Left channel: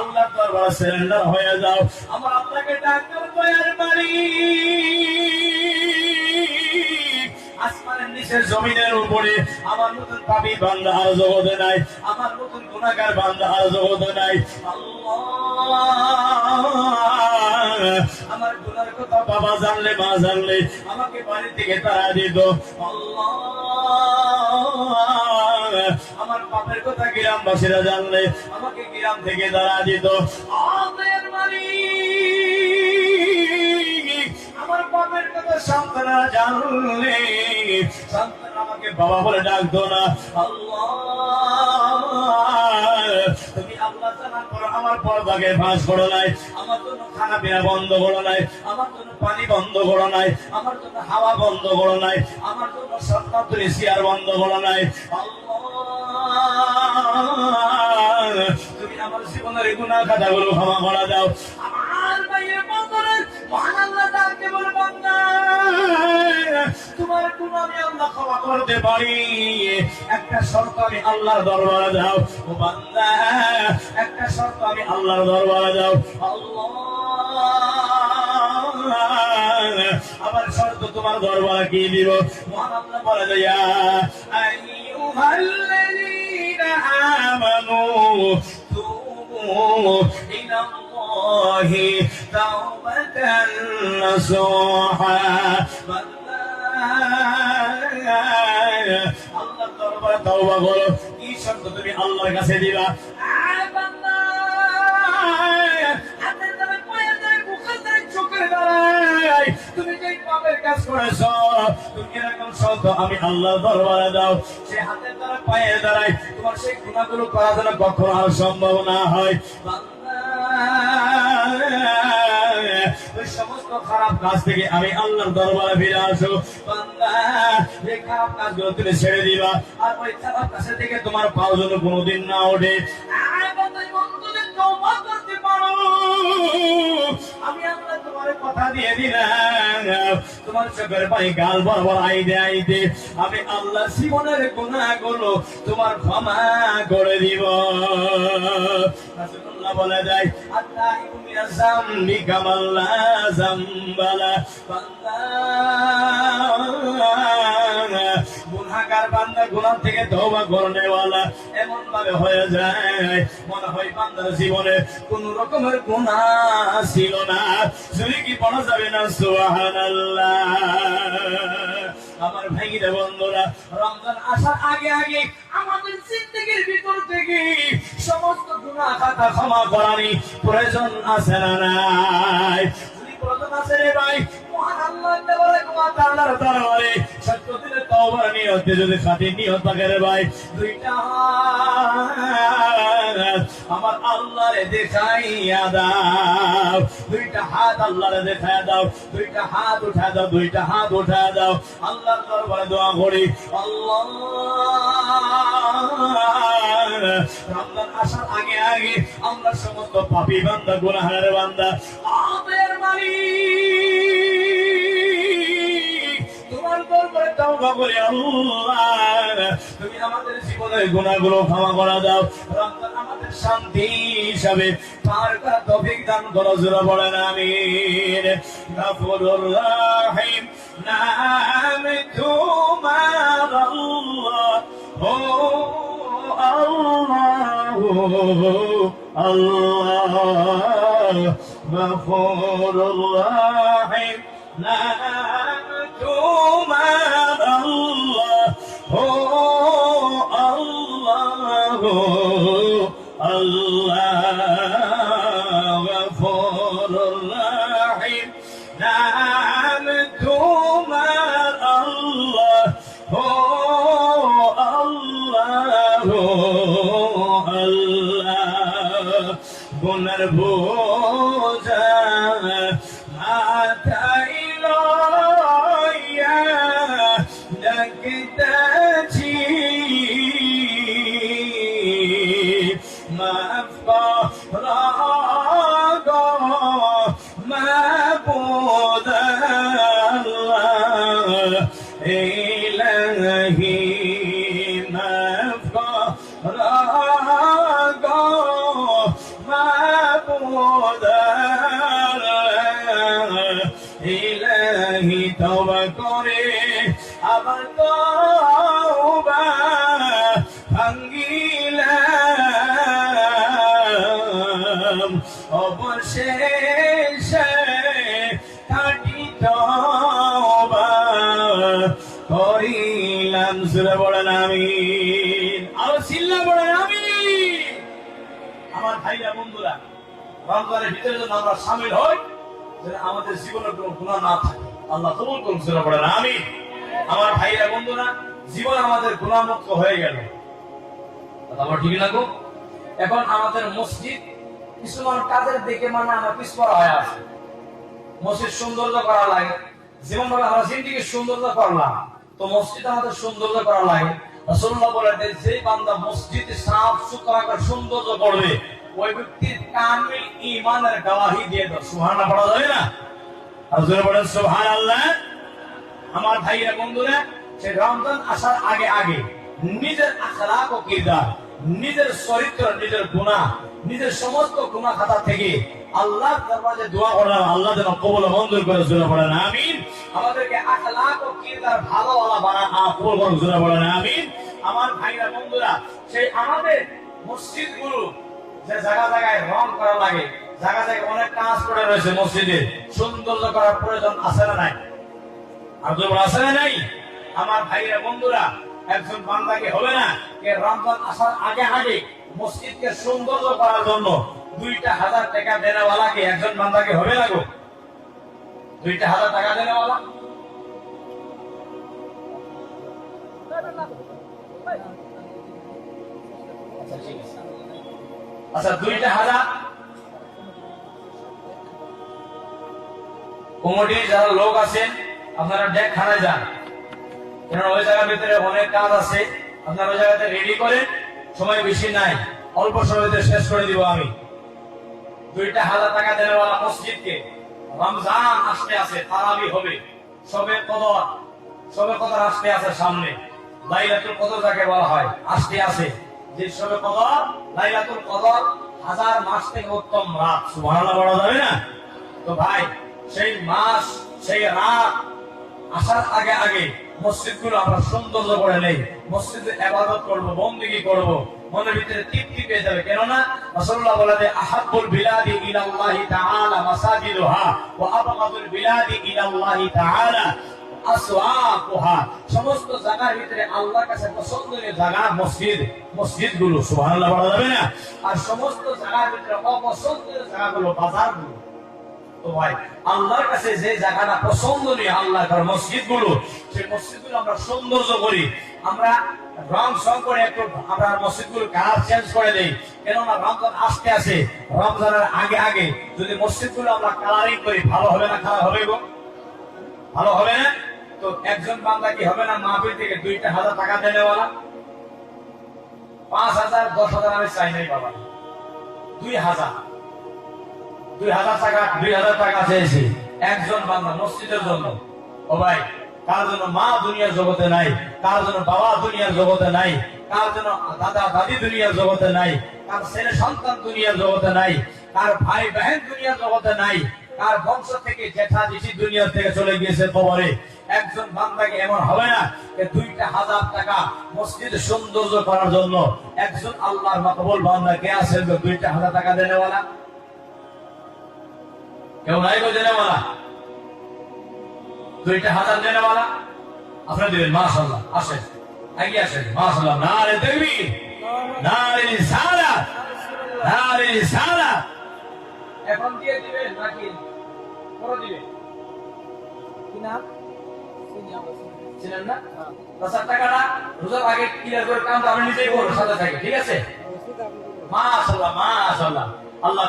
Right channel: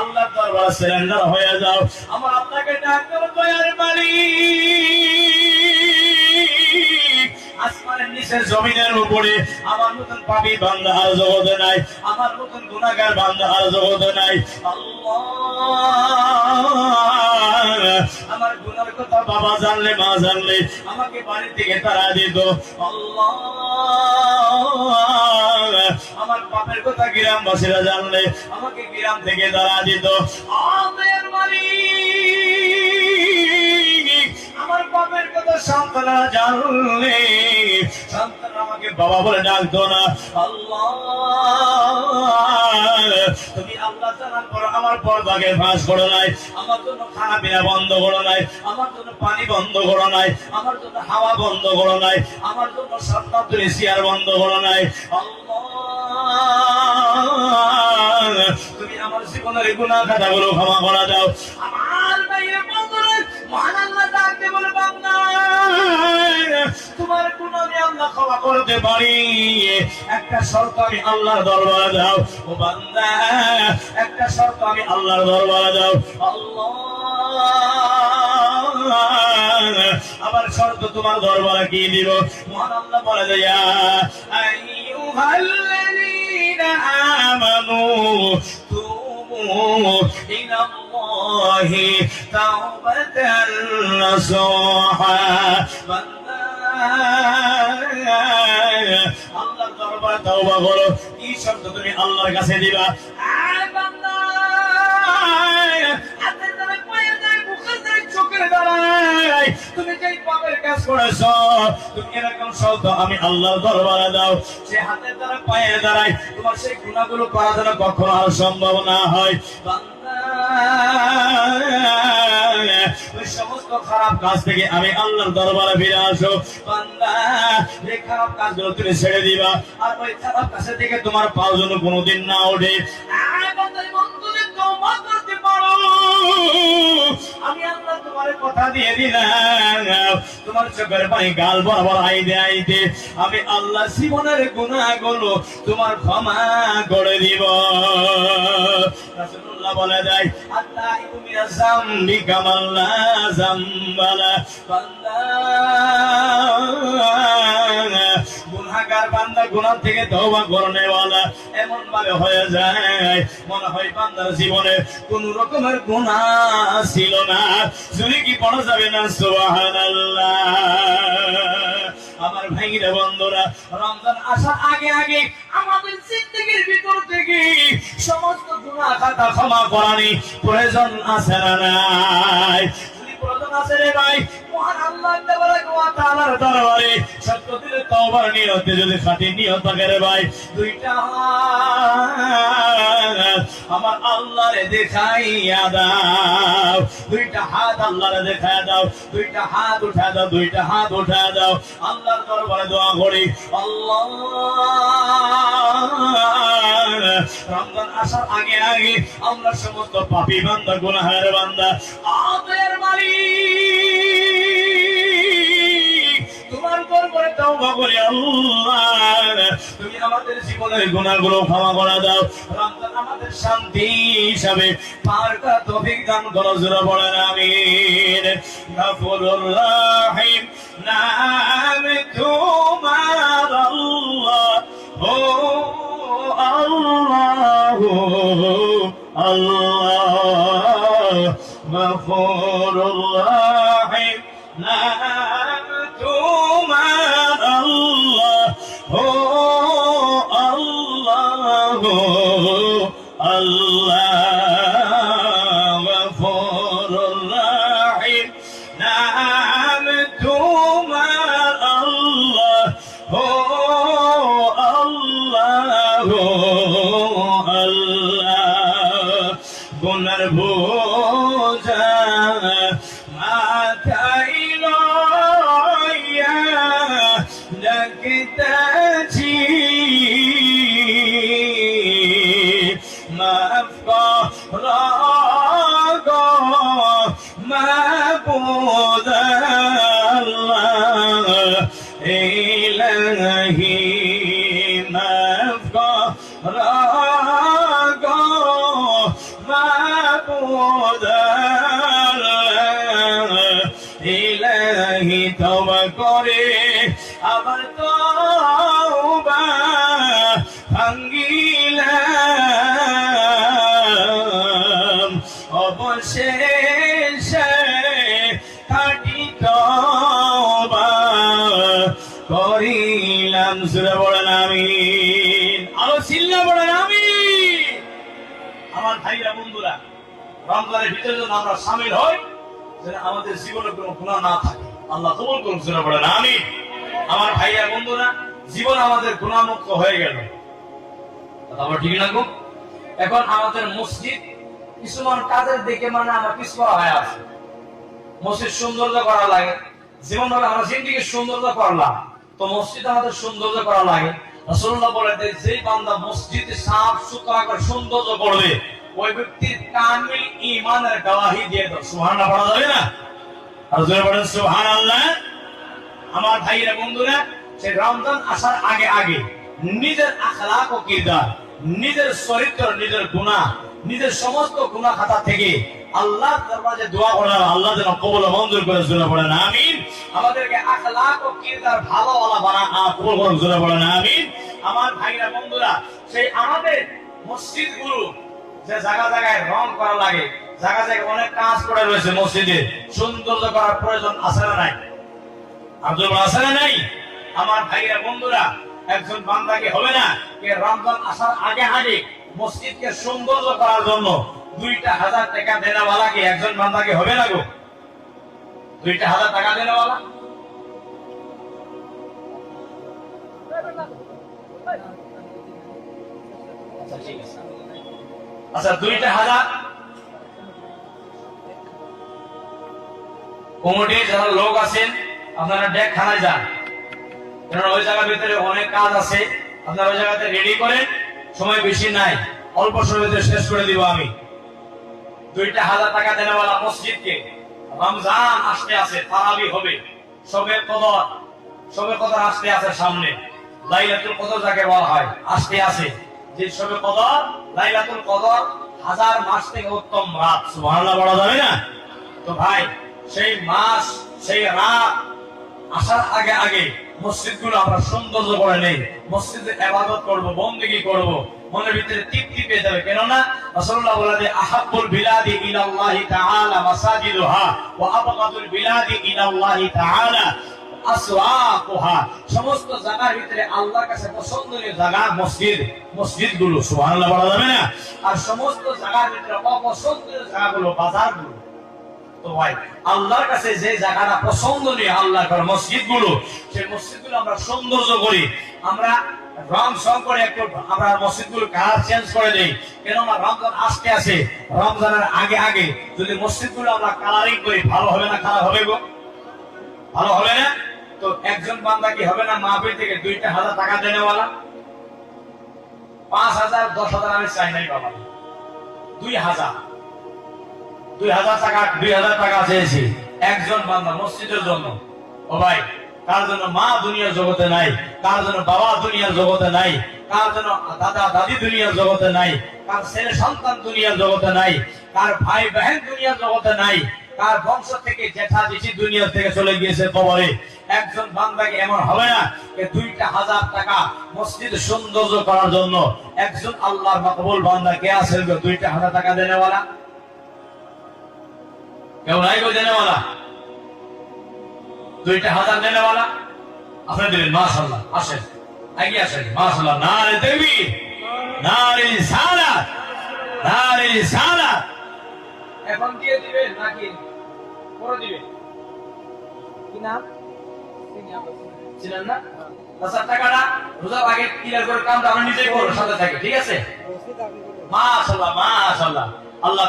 আল্লাহর দরবারে সারেন্ডার হয়ে যাও। আমার আল্লাহকে ডাক দাও, দয়ার মালিক আসমানের নিচে জমিনের উপরে আমার মতন পাপী বান্দা আর জগতে নাই, আমার মতন গুনাহগার বান্দা আর জগতে নাই। আল্লাহ আমার গুনার কথা বাবা জানলে মা জানলে আমাকে বাড়ি থেকে তারা দিত। আল্লাহ আমার পাপের কথা গ্রামবাসীরা জানলে আমাকে গ্রাম থেকে তারা দিত। আমাদের মালিক আমার পাপের কথা সন্তানরা জানলে সন্তান আমাকে বাবা বলে ডাকতো না। আল্লাহ তুমি আল্লাহ জানার পর আমার পর্দাকে ফাঁস করো নাই, আমার জন্য খানা পিনা বন্ধ করো নাই, আমার জন্য পানি বন্ধ করো নাই, আমার জন্য হাওয়া বন্ধ করো নাই, আমার জন্য সাতমাত্র এসিয়ার বন্ধ করো নাই। আল্লাহ তুমি আমার জীবনের গুনাহ খাতাগুলো ক্ষমা করে দাও। আমার ভাইয়ের বন্ধুরা মহান আল্লাহ ডাকতে বলে, বান্দা তোমার গুনাহ আমি আল্লাহ ক্ষমা করতে পারি, একটা শর্ত আমি আল্লাহর দরবারে দাও। ও বান্দা একটা শর্ত আমি আল্লাহর দরবারে দাও। আল্লাহ আবার শর্ত তোমার দরবারে কি দিব? মহান আল্লাহ বলে দেয়া আইয়ুহাল্লাযীনা আমানু তুবু ইলাল্লাহি তাওবাতান নাসুহা। আল্লাহর দরবারে তওবা করো। কি শর্ত তুমি আল্লাহর কাছে দিবা? বান্দা হাতের দ্বারা পায়ের দ্বারা মুখের দ্বারা চোখের দ্বারা তুমি যেই পাপের কাজ করেছো তুমি এরকম শর্ত আমি আল্লাহর দরবারে দাও। সে হাতের দ্বারা পায়ের দ্বারাই তোমার সেই গুনাহগুলো করা যেন কখনো আর সম্ভব না হয়। বান্দা ওই সমস্ত খারাপ কাজ থেকে আমি আল্লাহর দরবারে ফিরে আসো। বান্দা এই খারাপ কাজগুলো তুমি ছেড়ে দিবা, আর ওই খারাপ কাজ থেকে তোমার পাও যেন কোনোদিন না ওঠে। আমি আল্লাহ তোমার কথা দিয়ে দিলাম, তোমার চোখের পানি গাল বরাবর আইতে আইতে আমি আল্লাহ জীবনের গুনাহগুলো তোমার ক্ষমা করে দিব। রাসূলুল্লাহ বলে যায় আল্লাহ মিনাজ যামবি কামাল্লা যামবালা। বান্দা গুনাহগার বান্দা গুনাহ থেকে তওবা করনেওয়ালা এমন ভাবে হয়ে যায় মনে হয় বান্দার জীবনে কোন রকমের গুনাহ ছিল না। যদি কি পড়া যাবে না সুবহানাল্লাহ। আমার ভাইরা বন্ধুরা রমজান আসার আগে আগে আমাদের জিন্দেগির ভিতর থেকে সমস্ত গুনাহ খাতা ক্ষমা করার প্রয়োজন আছে না নাই? প্রয়োজন আছে রে ভাই। মহান আল্লাহ তাআলার দরবারে সত্য দিলে তওবার নিয়তে যদি খাঁটি নিয়ত থাকে রে ভাই, দুইটা আমার আল্লাহরে দেখাইয়া দাও, দুইটা হাত আল্লাহরে দেখাইয়া দাও, দুইটা হাত উঠা দাও, দুইটা হাত উঠা দাও, আল্লাহর দরবারে দোয়া করি। আল্লাহ রমজান আসার আগে আগে আমরা সমস্ত পাপী বান্দা গুনাহগার বান্দা আমাদের মালিক তোমার দরবারে তওবা করি। আল্লাহ তুমি আমাদের জীবনের গুনাহগুলো ক্ষমা করে দাও। রমজান আমাদের শান্তি হিসাবে পার করার তৌফিক দান করো। জোরে বলেন আমিন। গফুরুর রহিম নাম তোমার আল্লাহ, ও আল্লাহ আল্লাহ। গফুরুর রহিম নাম তোমার আল্লাহ, ও আল্লাহ আল্লাহ। গফুরুর রহিম নাম তোমার আল্লাহ, ও আল্লাহ আল্লাহ। গুনার বোঝা মাথায় লইয়া ডাকিতেছি, মাফ করো গো মাবুদ আল্লাহ ইলাহি। মাফ করো গো ইলাহি তওবা করে আবার তওবা ভাঙ্গিলাম অবশেষে খাঁটি তওবা করিলাম। সূরা বলেন আমিন। আরো চিল্লা বলেন আমিন। আমার ভাইরা বন্ধুরা, রমজানের ভিতরে যদি আমরা শামিল হই, যেন আমাদের জীবনে কোনো গুনাহ না থাকে। আল্লাহ কবুল করুন। সূরা বলেন আমিন। আমার ভাইরা বন্ধুরা, জীবন আমাদের গুনাহমুক্ত হয়ে গেল। কথা ঠিক না গো? এখন আমাদের মসজিদ কিছুমান কাজের দিকে মানে আমরা পিছপড়া হয়ে আছে। মসজিদ সৌন্দর্য করা লাগে, যেমন ভাবে আমরা জিন্দিগি সৌন্দর্য করলাম, তো মসজিদ আমাদের সৌন্দর্য করা লাগে। রাসূলুল্লাহ বলেন, যে বান্দা মসজিদ সাফ সুতরা করে সৌন্দর্য করবে, ওই ব্যক্তির কামিল ঈমানের গওয়াহি দিয়ে দাও। সুবহানাল্লাহ পড়া যাবে না? আর জোরে বলেন সুবহানাল্লাহ। আমার ভাইরা বন্ধুরা, সেই রমজান আসার আগে আগে নিজের আখলাক ও কিরদার, নিজের চরিত্র, নিজের গুনাহ, নিজের সমস্ত গুনাহ খাতা থেকে আল্লাহর দরবারে দোয়া করার, আল্লাহ যেন কবুল মঞ্জুর করে। জোরে বলেন আমিন। আমাদেরকে আখলাক ও কিরদার ভালোওয়ালা বানান, কবুল করুন। জোরে বলেন আমিন। আমার ভাইরা বন্ধুরা, সেই আমাদের মসজিদগুলো যে জায়গা জায়গায় রং করা লাগে, জায়গা জায়গায় অনেক কাজ করে রয়েছে, মসজিদে সৌন্দর্য করার প্রয়োজন আছে না নাই? আব্দুল আছে না নাই? আমার ভাইরা বন্ধুরা, একজন বান্দাকে হবে না যে রমজান আসার আগে আগে মসজিদকে সৌন্দর্য করার জন্য 2,000 টাকা দেনেওয়ালা কি একজন বান্দাকে হবে না গো? 2,000 টাকা দেনেওয়ালা আচ্ছা 2,000 কমিটির যারা লোক আছেন, আপনারা ডেকখানায় যান, কারণ ওই জায়গার ভিতরে অনেক কাজ আছে। আপনারা ওই জায়গাতে রেডি করেন, সময় বেশি নাই, অল্প সময়ের ভিতরে শেষ করে দিব আমি। 2,000 টাকা দেনেওয়ালা মসজিদকে, রমজান আসতে আছে, তারাবি হবে, শবে কদর আসতে আছে সামনে, লাইলাতুল কদর যাকে বলা হয় আসতে আছে। যে শবে কদর, লাইলাতুল কদর 1000 মাস থেকে উত্তম রাত। সুবহানাল্লাহ বলা যাবে না? তো ভাই, সেই মাস, সেই রাত আসার আগে আগে মসজিদগুলো আমরা সৌন্দর্য করে নেই, মসজিদে ইবাদত করব, বন্দেগী করব, মনের ভিতরে তৃপ্তি পেয়ে যাবে। কেননা রাসূলুল্লাহ বলেন, আহাব্বুল বিলাদি ইলাল্লাহি তাআলা মাসাজিদুহা ওয়া আবগাদুল বিলাদি ইলাল্লাহি তাআলা আসওয়াকুহা। সমস্ত জায়গার ভিতরে আল্লাহর কাছে পছন্দনীয় জায়গা মসজিদগুলো। সুবহানাল্লাহ বলা যাবে না? আর সমস্ত জায়গার ভিতরে অপছন্দনীয় জায়গাগুলো বাজারগুলো। তো ভাই, আল্লাহর কাছে যে জায়গাটা পছন্দনীয়, আল্লাহর মসজিদগুলো, সেই মসজিদগুলো আমরা সৌন্দর্য করি, আমরা রং সং করে একটু আমরা মসজিদগুলো কালার চেঞ্জ করে দেই। কেননা রমজান আসতে আছে, রমজানের আগে আগে যদি মসজিদগুলো আমরা কালারিং করি, ভালো হবে না খারাপ হবে গো? ভালো হবে না? তো একজন বান্দা কি হবে না মাহফিল থেকে 2,000 টাকা দেনেওয়ালা? 5,000 10,000 আমি চাই নাই বাবা, 2,000 টাকা চেয়েছি একজন বান্দা মসজিদের জন্য। ও ভাই, কার জন্য মা দুনিয়ার জগতে নাই, কার জন্য বাবা দুনিয়ার জগতে নাই, কার জন্য দাদা দাদি দুনিয়ার জগতে নাই, কার ছেলে সন্তান দুনিয়ার জগতে নাই, কার ভাই বহন দুনিয়ার জগতে নাই, কার বংশ থেকে জেঠা জেঠি দুনিয়া থেকে চলে গিয়েছে কবরে। একজন বান্দাকে এমন হবে না যে 2,000 টাকা মসজিদ সৌন্দর্য করার জন্য একজন আল্লাহর মাকবুল বান্দা কে আছে 2,000 টাকা দেনেওয়ালা? কেউ নাই গো দেনেওয়ালা? 2,000 দেনেওয়ালা আপনারা দিবেন। মাশাআল্লাহ, আসেন, এগিয়ে আসেন। মাশাআল্লাহ, নারে তাকবীর, নারে রিসালাত, নারে রিসালাত। এখন দিয়ে দিবেন নাকি পরে দিবেন? কি নাম ছিলেন না? 10,000 টাকাটা রোজার আগে ক্লিয়ার করে কামটা আপনি নিজেই করুন, সাথে থাকে, ঠিক আছে? মাশাআল্লাহ, মাশাআল্লাহ। আল্লাহ